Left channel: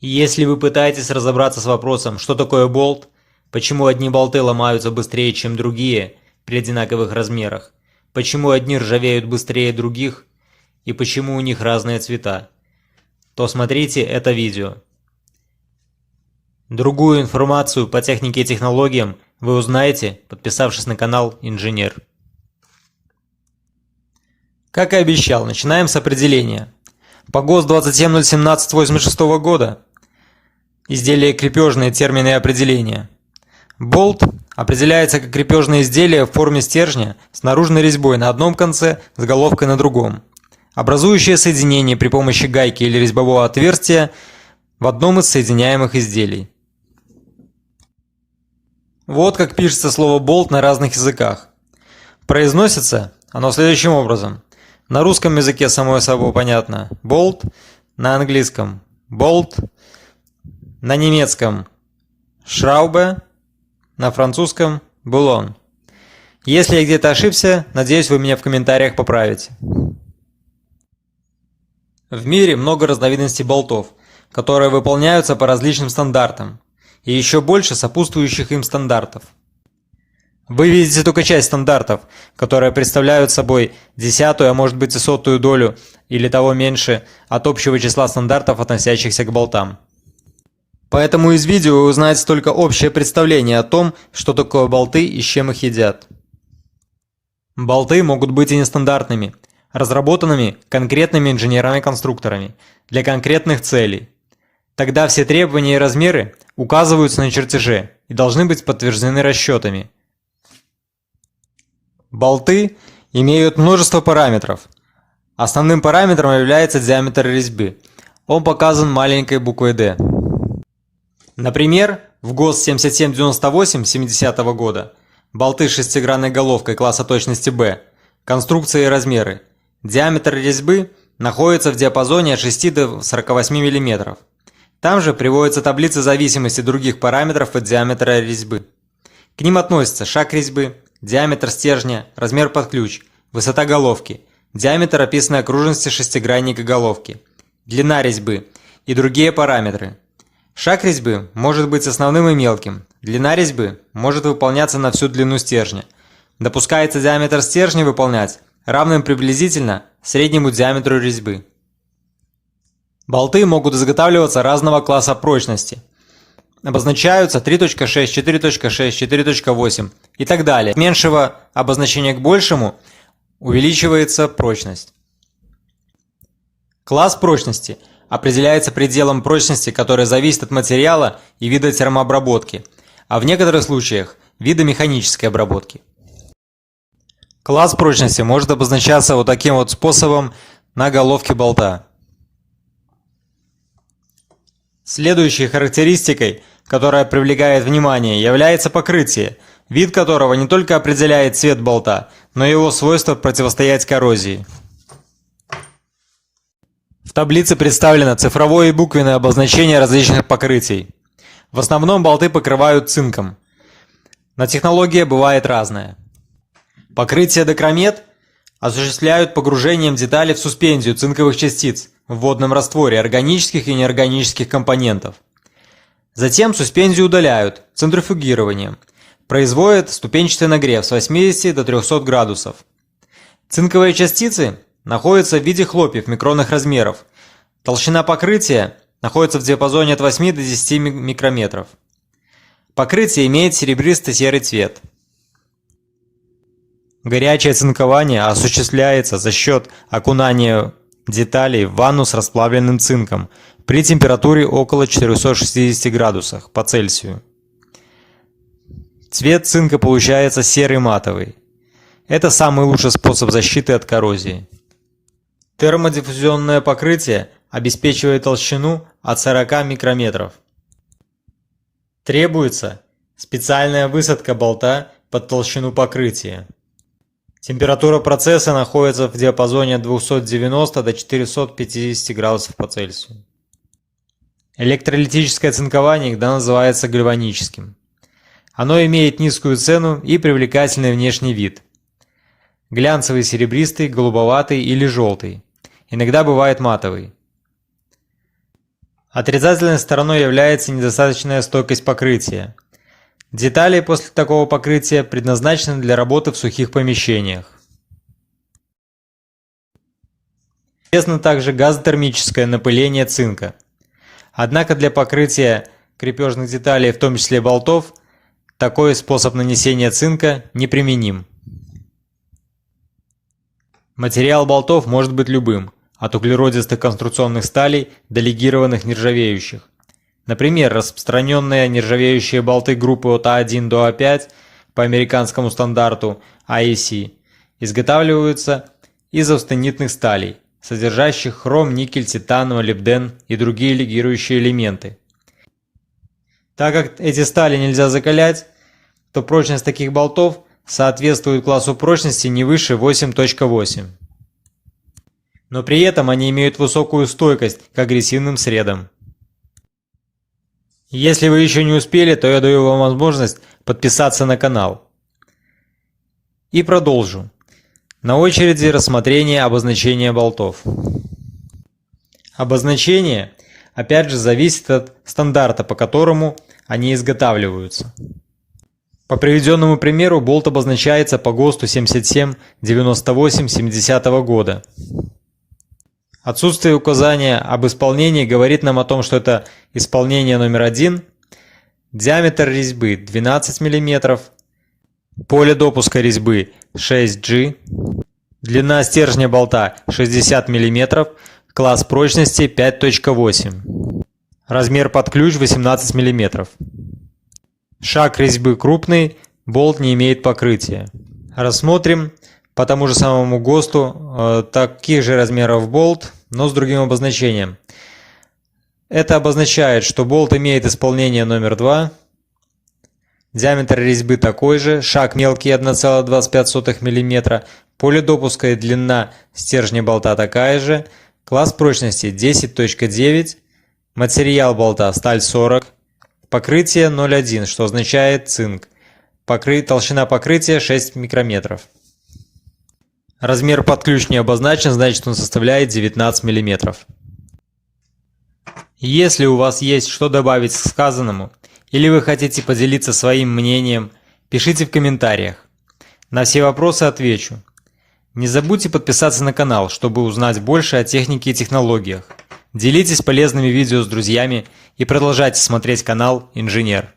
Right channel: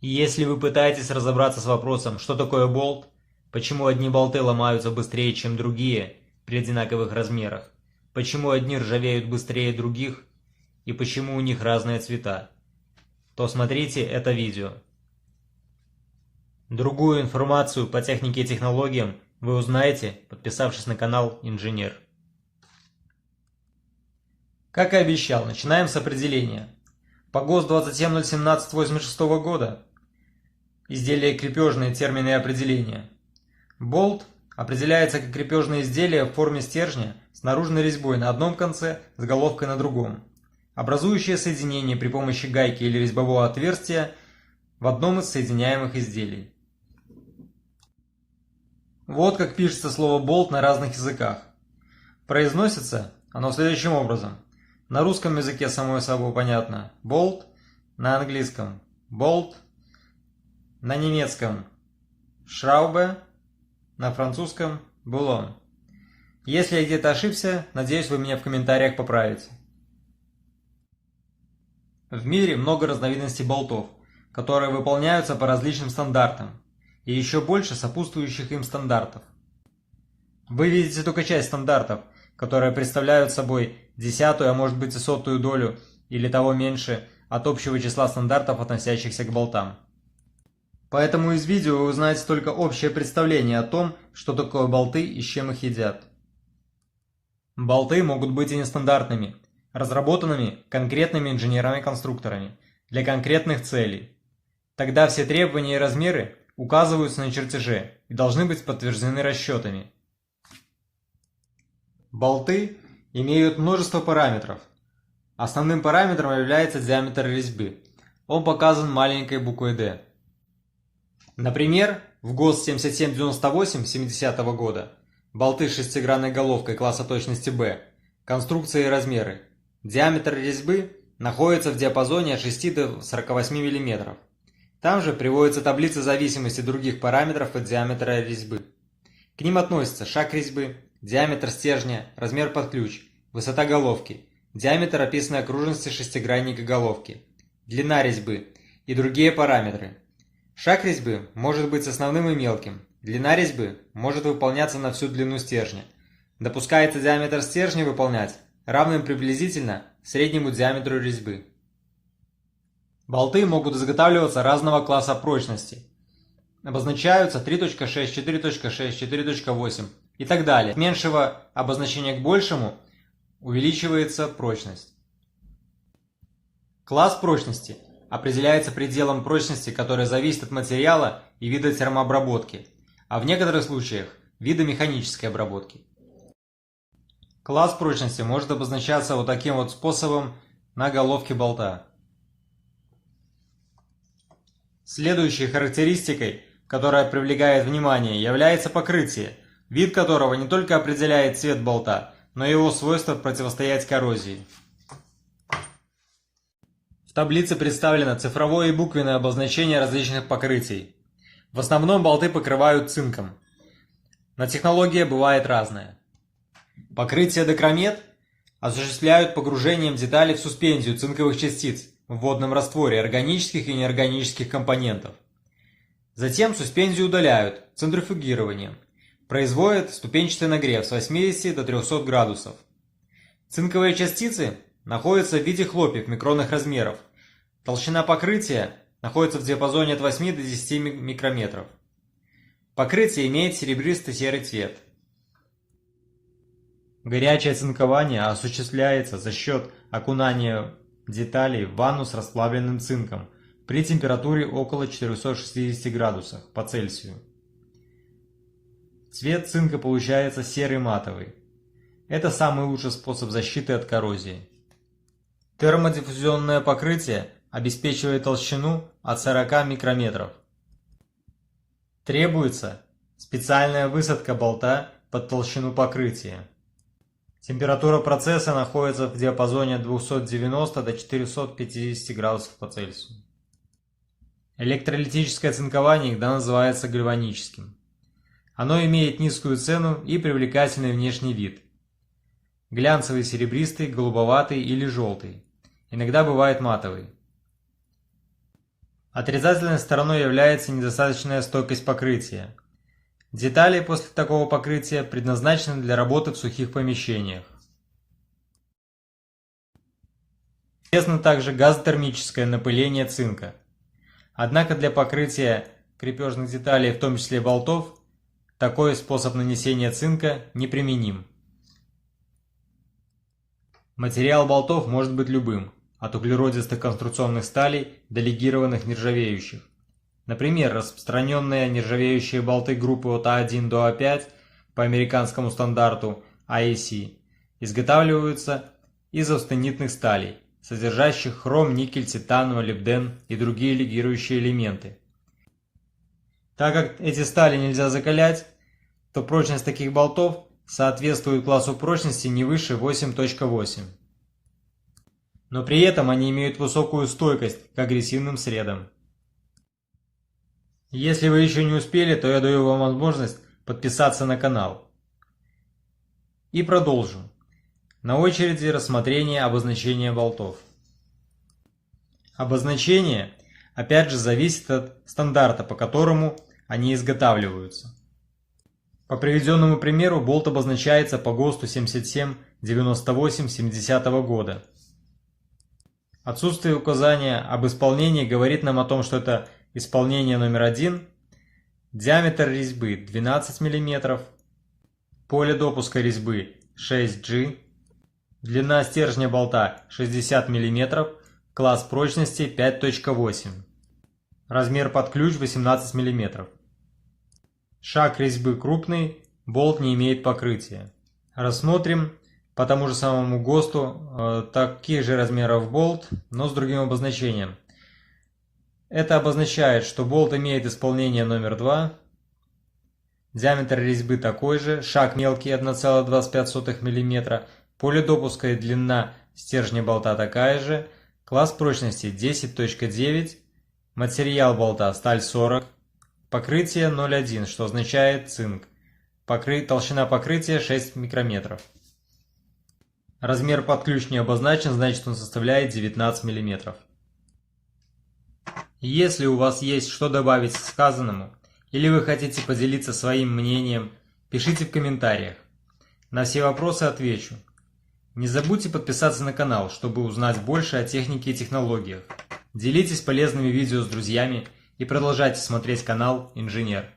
Если вы пытаетесь разобраться с вопросом, что такое болт, почему одни болты ломаются быстрее, чем другие при одинаковых размерах, почему одни ржавеют быстрее других и почему у них разные цвета, то смотрите это видео. Другую информацию по технике и технологиям вы узнаете, подписавшись на канал Инженер. Как и обещал, начинаем с определения. По ГОСТ 27017/86 года изделие крепежные термины и определения. Болт определяется как крепежное изделие в форме стержня с наружной резьбой на одном конце, с головкой на другом, образующее соединение при помощи гайки или резьбового отверстия в одном из соединяемых изделий. Вот как пишется слово болт на разных языках. Произносится оно следующим образом. На русском языке само собой понятно болт, на английском болт, на немецком шраубе, на французском булон. Если я где-то ошибся, надеюсь, вы меня в комментариях поправите. В мире много разновидностей болтов, которые выполняются по различным стандартам, и еще больше сопутствующих им стандартов. Вы видите только часть стандартов, которые представляют собой десятую, а может быть и сотую долю, или того меньше, от общего числа стандартов, относящихся к болтам. Поэтому из видео вы узнаете только общее представление о том, что такое болты и с чем их едят. Болты могут быть и нестандартными, разработанными конкретными инженерами-конструкторами для конкретных целей. Тогда все требования и размеры указываются на чертеже и должны быть подтверждены расчетами. Болты имеют множество параметров. Основным параметром является диаметр резьбы. Он показан маленькой буквой D. Например, в ГОСТ 7798 70 года болты с шестигранной головкой класса точности B, конструкция и размеры. Диаметр резьбы находится в диапазоне от 6 до 48 мм. Там же приводятся таблицы зависимости других параметров от диаметра резьбы. К ним относятся шаг резьбы, диаметр стержня, размер под ключ, высота головки, диаметр описанной окружности шестигранника головки, длина резьбы и другие параметры. Шаг резьбы может быть основным и мелким, длина резьбы может выполняться на всю длину стержня. Допускается диаметр стержня выполнять равным приблизительно среднему диаметру резьбы. Болты могут изготавливаться разного класса прочности. Обозначаются 3.6, 4.6, 4.8 и так далее. От меньшего обозначения к большему увеличивается прочность. Класс прочности определяется пределом прочности, который зависит от материала и вида термообработки, а в некоторых случаях вида механической обработки. Класс прочности может обозначаться вот таким вот способом на головке болта. Следующей характеристикой, которая привлекает внимание, является покрытие, вид которого не только определяет цвет болта, но и его свойство противостоять коррозии. В таблице представлено цифровое и буквенное обозначение различных покрытий. В основном болты покрывают цинком, но технология бывает разная. Покрытие декромет осуществляют погружением деталей в суспензию цинковых частиц в водном растворе органических и неорганических компонентов. Затем суспензию удаляют центрифугированием, производят ступенчатый нагрев с 80 до 300 градусов. Цинковые частицы находятся в виде хлопьев микронных размеров. Толщина покрытия находится в диапазоне от 8 до 10 микрометров. Покрытие имеет серебристо-серый цвет. Горячее цинкование осуществляется за счет окунания деталей в ванну с расплавленным цинком при температуре около 460 градусов по Цельсию. Цвет цинка получается серый матовый. Это самый лучший способ защиты от коррозии. Термодиффузионное покрытие обеспечивает толщину от 40 микрометров. Требуется специальная высадка болта под толщину покрытия. Температура процесса находится в диапазоне от 290 до 450 градусов по Цельсию. Электролитическое цинкование иногда называется гальваническим. Оно имеет низкую цену и привлекательный внешний вид. Глянцевый серебристый, голубоватый или желтый. Иногда бывает матовый. Отрицательной стороной является недостаточная стойкость покрытия. Детали после такого покрытия предназначены для работы в сухих помещениях. Известно также газотермическое напыление цинка. Однако для покрытия крепежных деталей, в том числе болтов, такой способ нанесения цинка неприменим. Материал болтов может быть любым, от углеродистых конструкционных сталей до легированных нержавеющих. Например, распространенные нержавеющие болты группы от А1 до А5 по американскому стандарту AEC изготавливаются из австенитных сталей, содержащих хром, никель, титан, молибден и другие легирующие элементы. Так как эти стали нельзя закалять, то прочность таких болтов соответствует классу прочности не выше 8.8. Но при этом они имеют высокую стойкость к агрессивным средам. Если вы еще не успели, то я даю вам возможность подписаться на канал. И продолжу. На очереди рассмотрение обозначения болтов. Обозначение, опять же, зависит от стандарта, по которому они изготавливаются. По приведенному примеру болт обозначается по ГОСТу 7798/70 года. Отсутствие указания об исполнении говорит нам о том, что это исполнение номер 1, диаметр резьбы 12 мм, поле допуска резьбы 6G, длина стержня болта 60 мм, класс прочности 5.8, размер под ключ 18 мм. Шаг резьбы крупный, болт не имеет покрытия. Рассмотрим по тому же самому ГОСТу таких же размеров болт, но с другим обозначением. Это обозначает, что болт имеет исполнение номер 2, диаметр резьбы такой же, шаг мелкий 1,25 мм, поле допуска и длина стержня болта такая же, класс прочности 10.9, материал болта сталь 40, покрытие 0,1, что означает цинк, толщина покрытия 6 микрометров. Размер под ключ не обозначен, значит он составляет 19 мм. Если у вас есть что добавить к сказанному, или вы хотите поделиться своим мнением, пишите в комментариях. На все вопросы отвечу. Не забудьте подписаться на канал, чтобы узнать больше о технике и технологиях. Делитесь полезными видео с друзьями и продолжайте смотреть канал Инженер.